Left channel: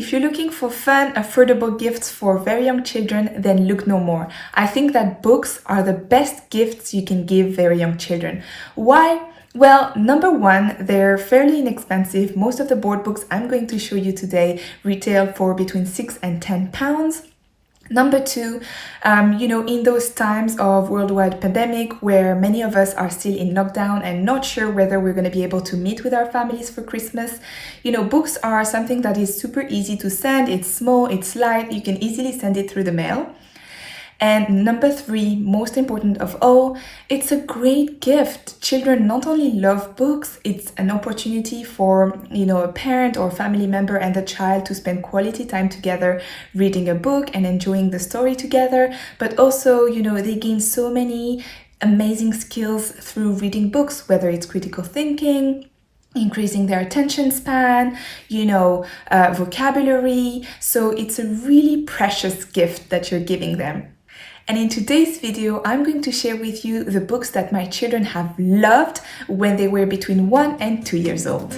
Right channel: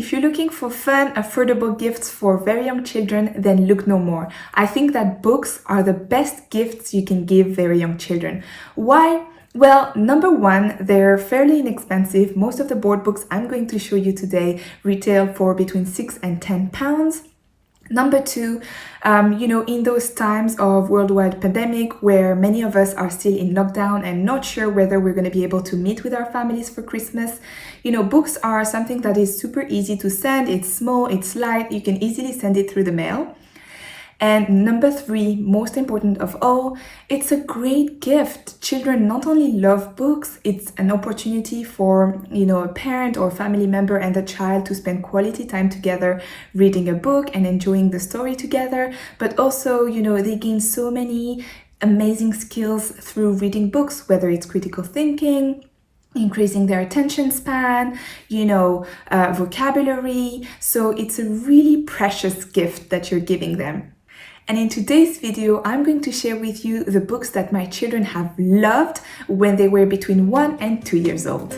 If you're looking for fun, affordable gifts for very young children, then look no more. I think that books are the best gifts you can give very young children. Why? Well, number one, they're fairly inexpensive. Most of the board books I'm going to show you today retail for between £6 and £10. Number two, in those times of worldwide pandemic where many of us are still in lockdown and not sure whether we're going to be able to meet with our families for Christmas, books are something that is super easy to send. It's small, it's light, you can easily send it through the mail. And number three, most important of all, it's a great gift. Children not only love books, it's an opportunity for, a parent or family member and the child to spend quality time together reading a book and enjoying the story together. But also, they gain so many amazing skills through reading books, whether it's critical thinking, increasing their attention span, vocabulary. So it's a really precious gift that you're giving them. And in today's video, I'm going to share with you the books that my children have loved when they were between 1 and 2 years old.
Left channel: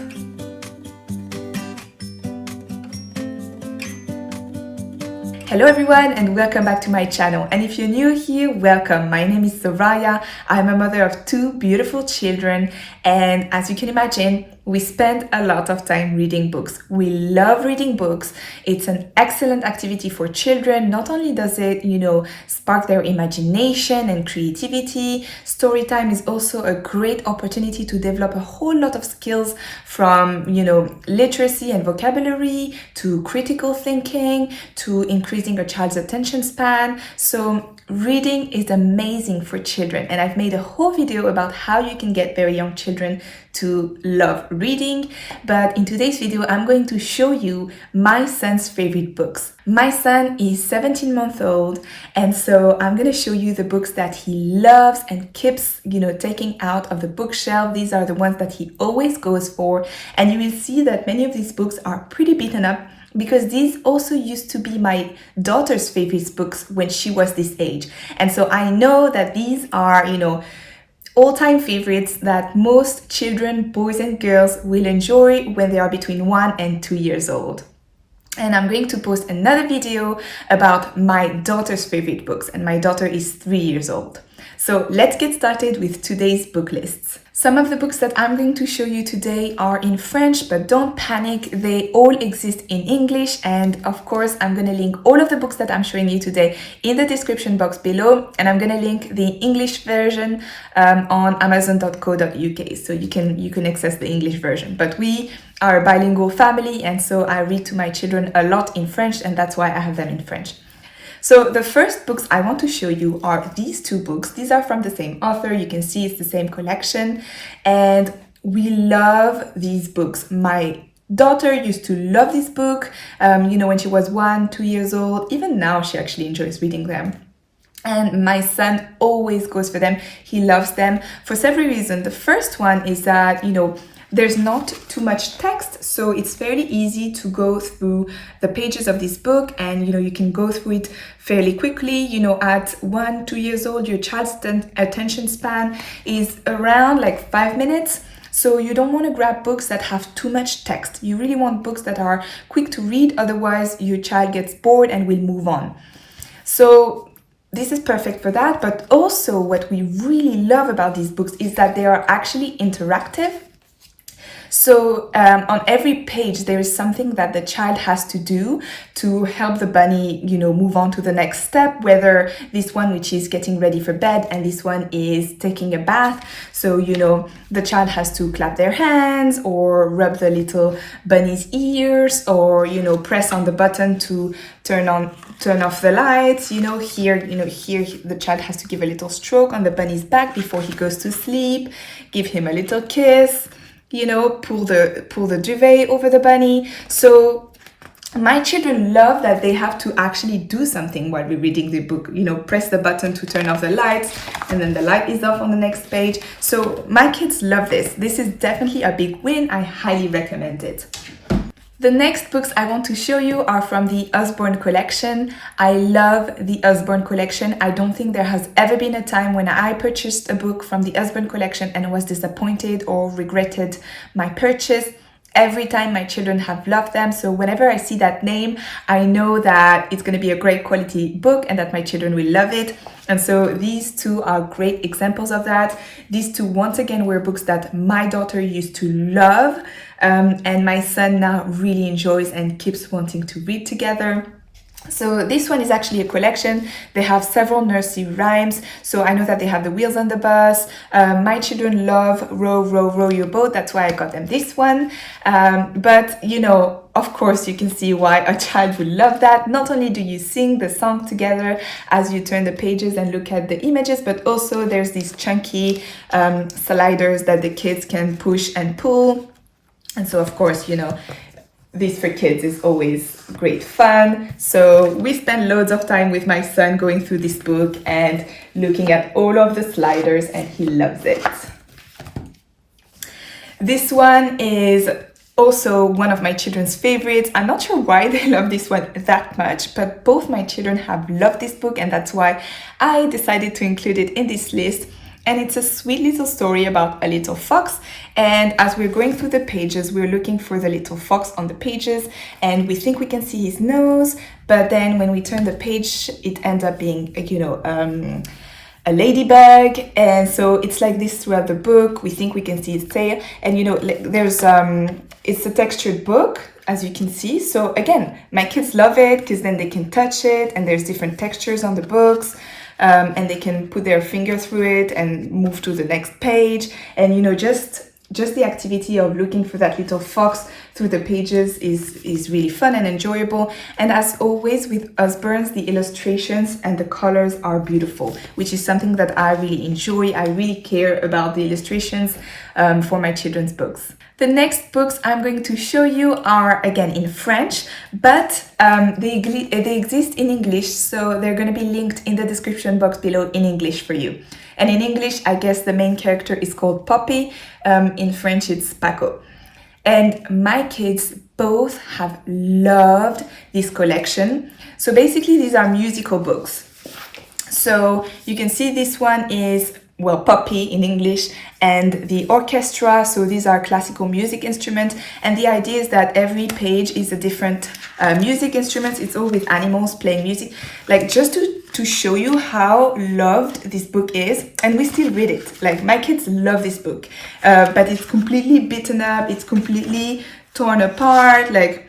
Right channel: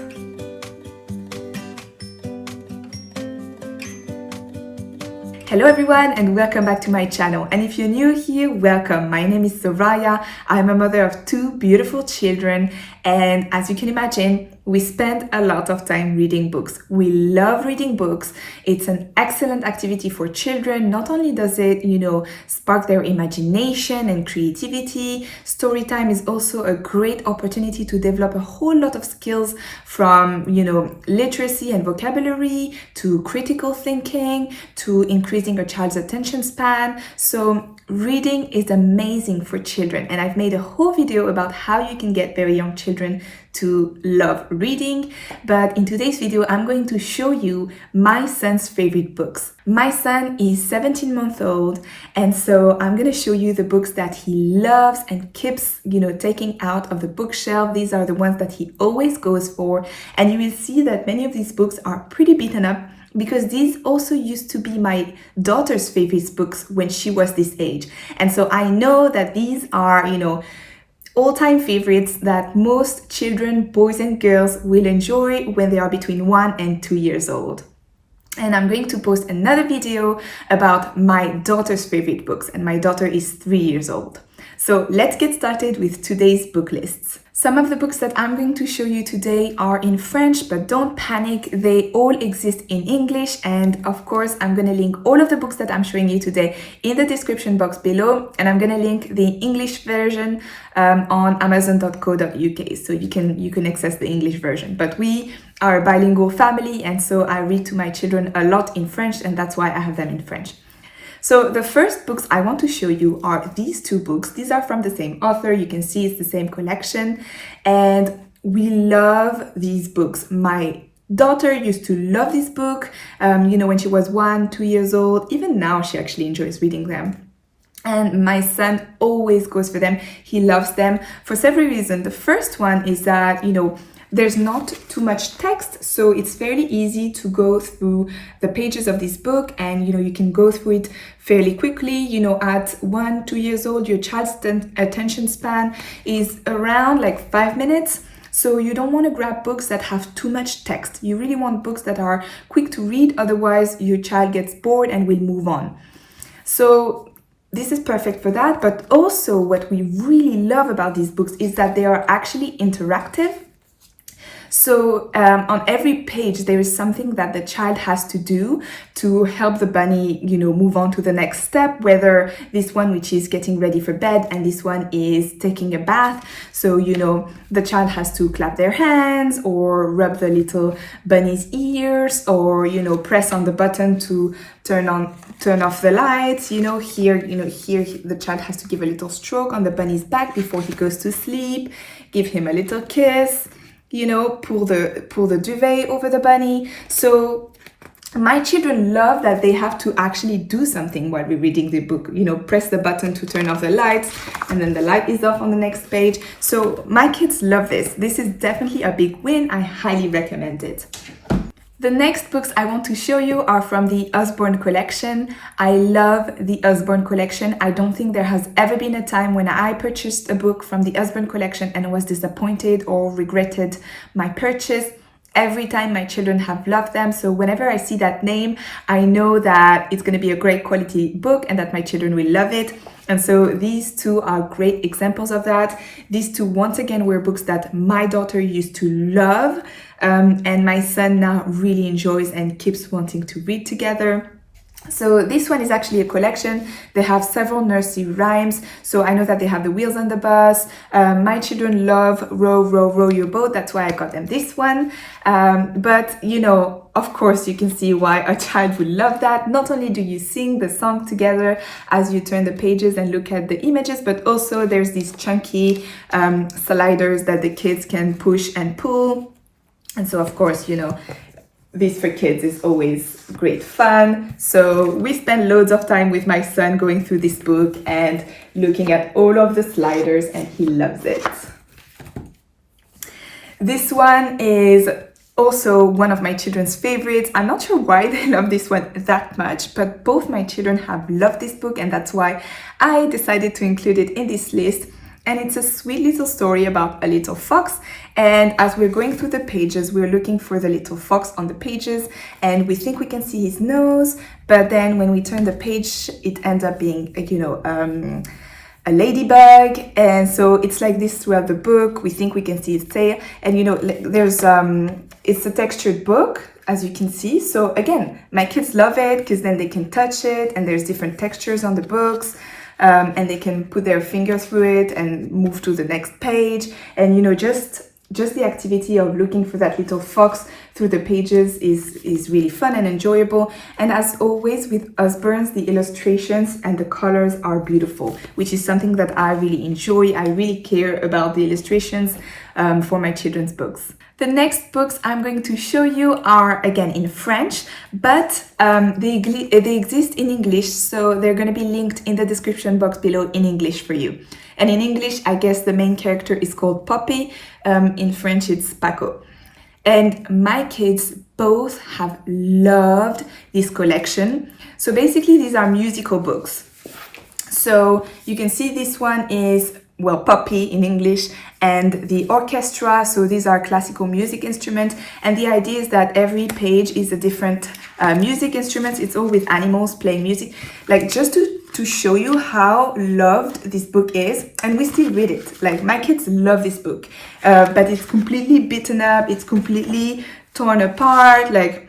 Hello everyone and welcome back to my channel. And if you're new here, welcome. My name is Soraya. I'm a mother of 2 beautiful children, and as you can imagine, we spend a lot of time reading books. We love reading books. It's an excellent activity for children. Not only does it, spark their imagination and creativity, story time is also a great opportunity to develop a whole lot of skills from, literacy and vocabulary to critical thinking to increasing a child's attention span. So reading is amazing for children, and I've made a whole video about how you can get very young children to love reading. But in today's video, I'm going to show you my son's favorite books. My son is 17 months old, and so I'm going to show you the books that he loves and keeps, taking out of the bookshelf. These are the ones that he always goes for, and you will see that many of these books are pretty beaten up, because these also used to be my daughter's favorite books when she was this age. And so I know that these are, all-time favorites that most children, boys and girls, will enjoy when they are between 1 and 2 years old. And I'm going to post another video about my daughter's favorite books, and my daughter is 3 years old. So let's get started with today's book lists. Some of the books that I'm going to show you today are in French, but don't panic, they all exist in English. And of course, I'm going to link all of the books that I'm showing you today in the description box below. And I'm going to link the English version on amazon.co.uk, so you can access the English version. But we are a bilingual family, and so I read to my children a lot in French, and that's why I have them in French. So the first books I want to show you are these 2 books. These are from the same author. You can see it's the same collection, and we love these books. My daughter used to love this book, when she was 1, 2 years old. Even now, she actually enjoys reading them. And my son always goes for them. He loves them for several reasons. The first one is that, there's not too much text, so it's fairly easy to go through the pages of this book, and you can go through it fairly quickly. At 1, 2 years old, your child's attention span is around like 5 minutes. So you don't want to grab books that have too much text. You really want books that are quick to read, otherwise your child gets bored and will move on. So this is perfect for that. But also what we really love about these books is that they are actually interactive. So on every page, there is something that the child has to do to help the bunny, move on to the next step, whether this one, which is getting ready for bed, and this one is taking a bath. So, the child has to clap their hands or rub the little bunny's ears, or, press on the button to turn off the lights. Here the child has to give a little stroke on the bunny's back before he goes to sleep, give him a little kiss, pull the duvet over the bunny. So my children love that they have to actually do something while we're reading the book, press the button to turn off the lights, and then the light is off on the next page. So my kids love this. This is definitely a big win. I highly recommend it. The next books I want to show you are from the Osborne collection. I love the Osborne collection. I don't think there has ever been a time when I purchased a book from the Osborne collection and was disappointed or regretted my purchase. Every time my children have loved them. So whenever I see that name, I know that it's going to be a great quality book and that my children will love it. And so these two are great examples of that. These two, once again, were books that my daughter used to love, and my son now really enjoys and keeps wanting to read together. So this one is actually a collection. They have several nursery rhymes. So I know that they have the Wheels on the Bus. My children love Row, Row, Row Your Boat. That's why I got them this one. But you know, of course, you can see why a child would love that. Not only do you sing the song together as you turn the pages and look at the images, but also there's these chunky sliders that the kids can push and pull. And so, of course, you know, this for kids is always great fun. So we spend loads of time with my son going through this book and looking at all of the sliders, and he loves it. This one is also one of my children's favorites. I'm not sure why they love this one that much, but both my children have loved this book, and that's why I decided to include it in this list. And it's a sweet little story about a little fox. And as we're going through the pages, we're looking for the little fox on the pages, and we think we can see his nose, but then when we turn the page, it ends up being, you know, a ladybug. And so it's like this throughout the book. We think we can see his tail, and you know, there's it's a textured book, as you can see. So again, my kids love it because then they can touch it, and there's different textures on the books. And they can put their finger through it and move to the next page. And you know, just the activity of looking for that little fox through the pages is really fun and enjoyable. And as always with Usborne's, the illustrations and the colors are beautiful, which is something that I really enjoy. I really care about the illustrations for my children's books. The next books I'm going to show you are again in French, but they exist in English, so they're going to be linked in the description box below in English for you. And in English, I guess the main character is called Poppy. In French, it's Paco. And my kids both have loved this collection. So basically, these are musical books. So you can see this one is, well, Poppy in English, and the orchestra. So these are classical music instruments. And the idea is that every page is a different music instrument. It's all with animals playing music. Like just to show you how loved this book is. And we still read it. Like my kids love this book, but it's completely beaten up. It's completely torn apart. Like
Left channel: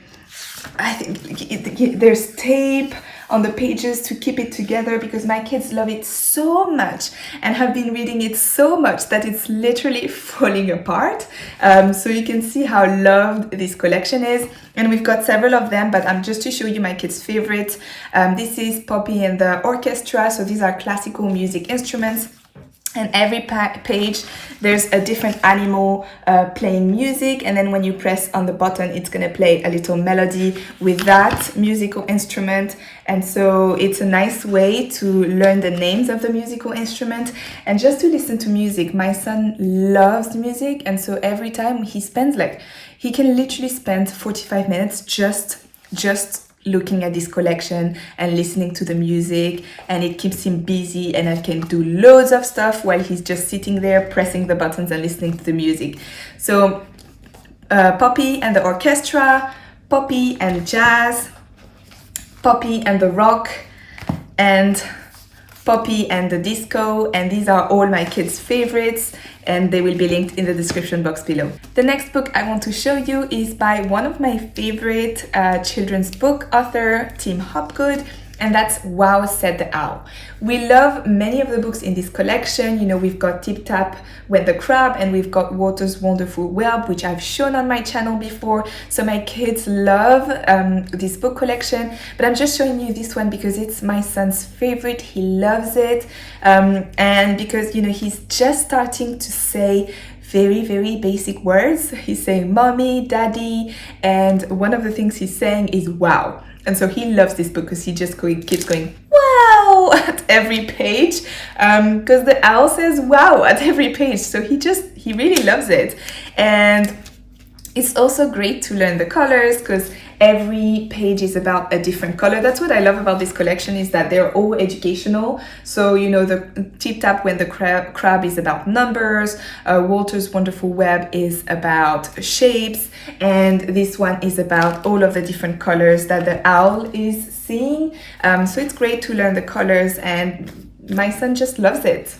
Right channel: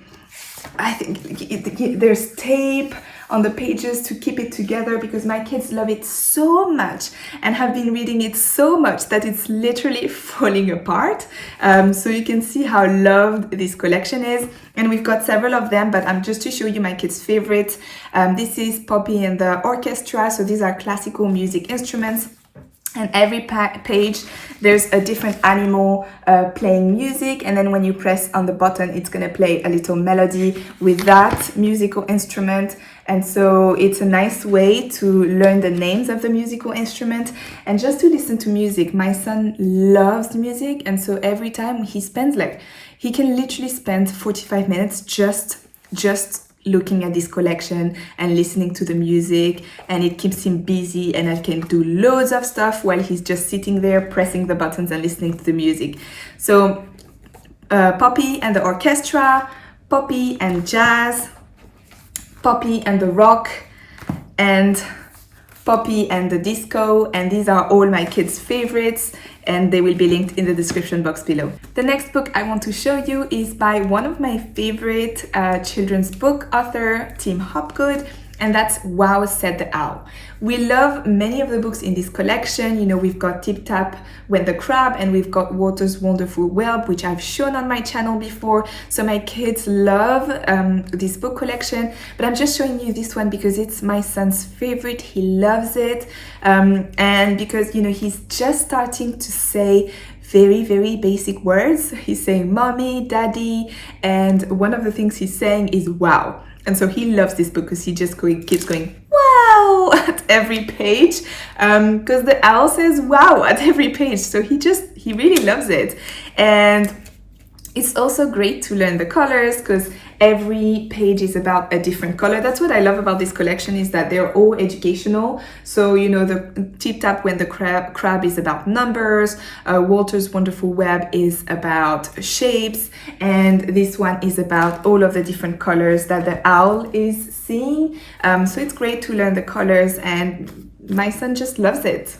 I think there's tape on the pages to keep it together because my kids love it so much and have been reading it so much that it's literally falling apart. So you can see how loved this collection is, and we've got several of them, but I'm just to show you my kids' favorites. This is Poppy and the Orchestra. So these are classical music instruments. And every page, there's a different animal playing music. And then when you press on the button, it's going to play a little melody with that musical instrument. And so it's a nice way to learn the names of the musical instrument and just to listen to music. My son loves music. And so every time he can literally spend 45 minutes just looking at this collection and listening to the music, and it keeps him busy, and I can do loads of stuff while he's just sitting there pressing the buttons and listening to the music. So Poppy and the Orchestra, Poppy and Jazz, Poppy and the Rock, and Poppy and the Disco, and these are all my kids' favorites, and they will be linked in the description box below. The next book I want to show you is by one of my favorite children's book author, Tim Hopgood, and that's Wow Said the Owl. We love many of the books in this collection. You know, we've got Tip Tap Went the Crab, and we've got Walter's Wonderful Whelp, which I've shown on my channel before. So my kids love this book collection, but I'm just showing you this one because it's my son's favorite. He loves it, and because, you know, he's just starting to say very, very basic words. He's saying mommy, daddy, and one of the things he's saying is wow. And so he loves this book because he just keeps going wow at every page, because the owl says wow at every page. So he really loves it. And it's also great to learn the colors because every page is about a different color. That's what I love about this collection, is that they're all educational. So, you know, the Tip Tap When the Crab is about numbers, Walter's Wonderful Web is about shapes, and this one is about all of the different colors that the owl is seeing. So it's great to learn the colors, and my son just loves it.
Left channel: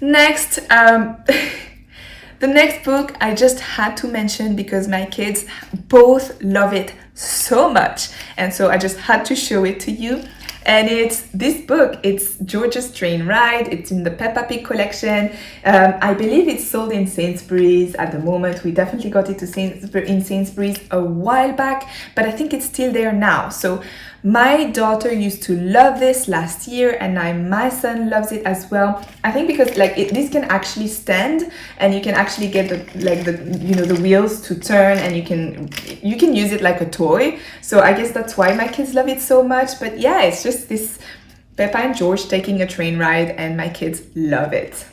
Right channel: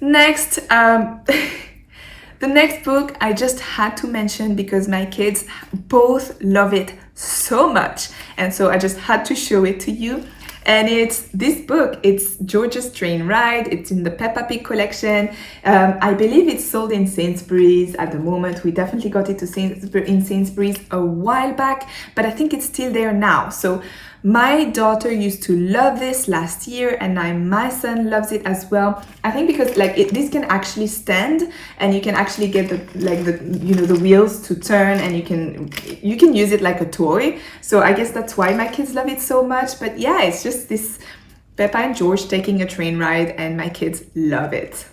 Next, the next book I just had to mention because my kids both love it so much, and so I just had to show it to you. And it's this book. It's George's Train Ride. It's in the Peppa Pig collection. I believe it's sold in Sainsbury's at the moment. We definitely got it in Sainsbury's a while back, but I think it's still there now. So my daughter used to love this last year, and now my son loves it as well. I think because this can actually stand, and you can actually get the wheels to turn, and you can use it like a toy. So I guess that's why my kids love it so much. But yeah, it's just this Peppa and George taking a train ride, and my kids love it.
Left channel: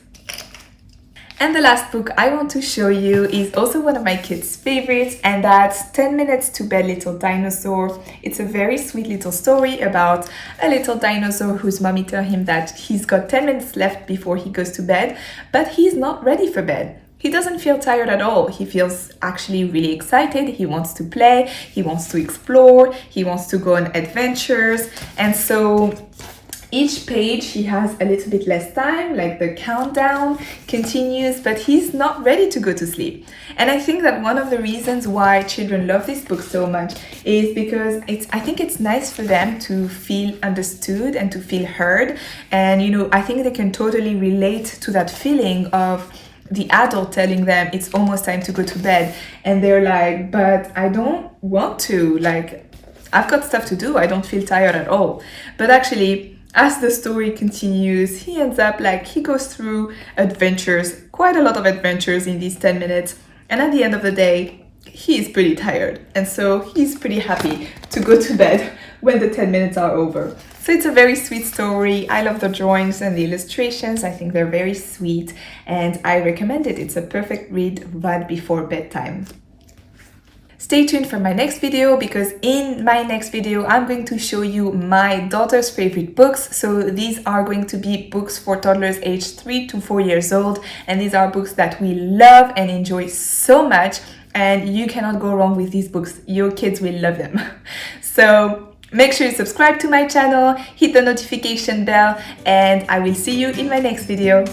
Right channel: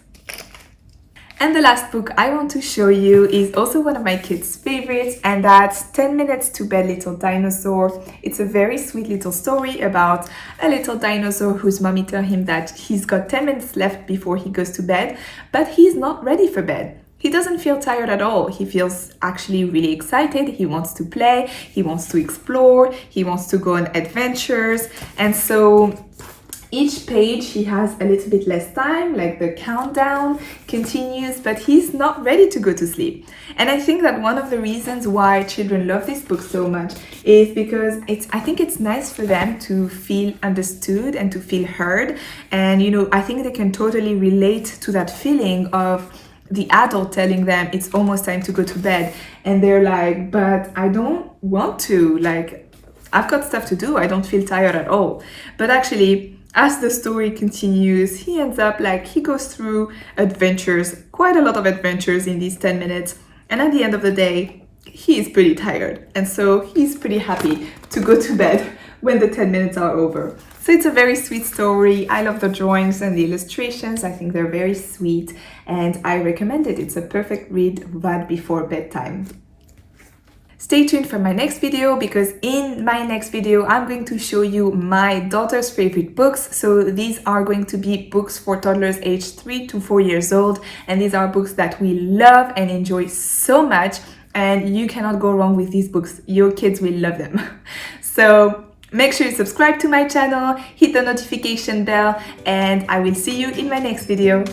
And the last book I want to show you is also one of my kids' favorites, and that's 10 Minutes to Bed, Little Dinosaur. It's a very sweet little story about a little dinosaur whose mommy tells him that he's got 10 minutes left before he goes to bed, but he's not ready for bed. He doesn't feel tired at all. He feels actually really excited. He wants to play, he wants to explore, he wants to go on adventures, and so each page he has a little bit less time, like the countdown continues, but he's not ready to go to sleep. And I think that one of the reasons why children love this book so much is because I think it's nice for them to feel understood and to feel heard. And you know, I think they can totally relate to that feeling of the adult telling them it's almost time to go to bed, and they're like, but I don't want to, like, I've got stuff to do, I don't feel tired at all. But actually, as the story continues, he ends up he goes through adventures, quite a lot of adventures in these 10 minutes. And at the end of the day, he is pretty tired. And so he's pretty happy to go to bed when the 10 minutes are over. So it's a very sweet story. I love the drawings and the illustrations. I think they're very sweet, and I recommend it. It's a perfect read right before bedtime. Stay tuned for my next video, because in my next video I'm going to show you my daughter's favorite books. So these are going to be books for toddlers aged 3 to 4 years old, and these are books that we love and enjoy so much, and you cannot go wrong with these books. Your kids will love them. So make sure you subscribe to my channel, hit the notification bell, and I will see you in my next video.